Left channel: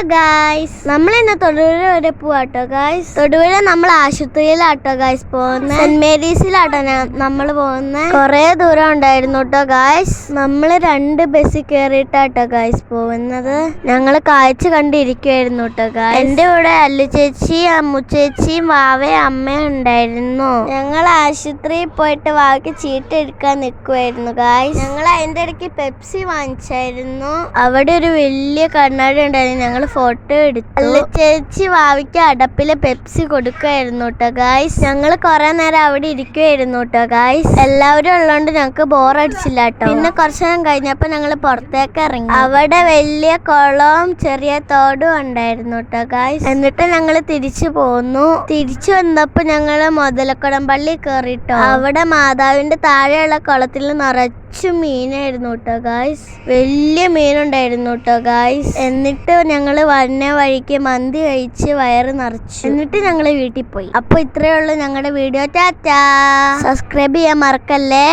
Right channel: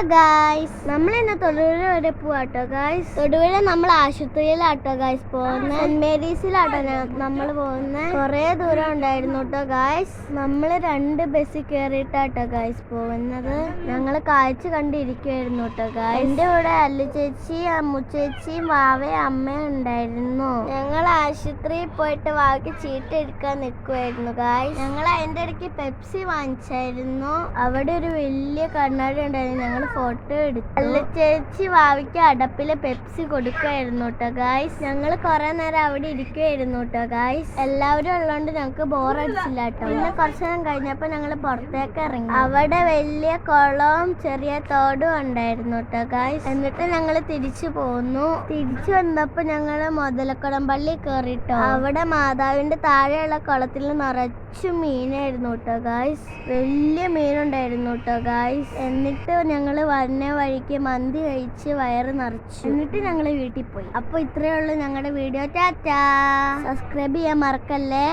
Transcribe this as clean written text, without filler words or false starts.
Hello guys, നമ്മളിന്ന് തൊടുപുഴ വരെ പോവാട്ടോ ഗായ്സ്. തൊടുപുഴ നമ്മൾ ആശുപത്രിയിലാട്ടോ ഗായ്സ് പോകുന്നത്. സെന്റ് മേരീസിലാട്ടോ നമ്മൾ പോകുന്നത്. കുറെ ദൂരം ഉണ്ടായിരുന്നു കേട്ടോ ഗായ്സ്. നമ്മൾ 2 ബസ്സിൽ കയറിയിട്ടാട്ടോ ഗായ്സ് പോകുന്നത്. ഞങ്ങൾ കാഴ്ച കണ്ടിരിക്കുവായിരുന്നു കേട്ടോ ഗായ്സ്. എൻ്റെ കൂടെ അല്ലു ചേച്ചി, അമ്മു ചേച്ചിയും വാവയും അമ്മയും ഉണ്ടായിരുന്നു. ഞങ്ങൾ ആശുപത്രിയിൽ പോയിട്ട് വാവയ്ക്ക് ചീട്ട് എടുക്കാൻ നിൽക്കുമായിരുന്നു ഗായ്സ്. ഞങ്ങൾ അതിൻ്റെ ഇടയ്ക്ക് പെപ്സി വാങ്ങിച്ചായിരുന്നു. അവിടെ ഒരു വലിയ കണ്ണാടി ഉണ്ടായിരുന്നു. ഞങ്ങൾ ഫോട്ടോ എടുത്തു. അല്ലു ചേച്ചി വാവയ്ക്ക് അടപ്പിലെ പെപ്സി കൊടുക്കുമായിരുന്നു കേട്ടോ ഗായ്സ്. ഞങ്ങൾ കുറെ നേരം അവിടെ ഇരിക്കുമായിരുന്നു കേട്ടോ ഗായ്സ്. എല്ലാവരും ഉള്ളതുകൊണ്ട് ഞങ്ങൾക്ക് ബോറടിച്ചില്ല കേട്ടോ. പിന്നെ കുറച്ചു നേരം കഴിഞ്ഞപ്പോൾ ഞങ്ങൾ പുറത്തേക്ക് ഇറങ്ങി. അവിടെ വലിയ കുളവും ചെറിയ തോടും ഉണ്ടായിരുന്നു കേട്ടോ ഗായ്സ്. എന്നിട്ട് ഞങ്ങൾ തിരിച്ചു പോന്നു. തിരിച്ചു വന്നപ്പോൾ ഞങ്ങൾ മുതലക്കുടം പള്ളി കയറിട്ടോ. അവിടെ മാതാവിന്റെ താഴെയുള്ള കുളത്തിൽ നിറച്ചു മീനായിരുന്നു കേട്ടോ ഗായ്സ്. വലിയ മീനുണ്ടായിരുന്നു കേട്ടോ ഗായ്സ്. എന്നിട്ട് ഞങ്ങൾ വന്ന വഴിക്ക് മന്തി കഴിച്ച് വയറ് നിറച്ചു. എന്നിട്ട് ഞങ്ങൾ വീട്ടിൽ പോയി. അപ്പോൾ ഇത്രയേ ഉള്ളൂ ഞങ്ങളുടെ വീഡിയോ. ടാറ്റാ. സബ്സ്ക്രൈബ് ചെയ്യാൻ മറക്കല്ലേ.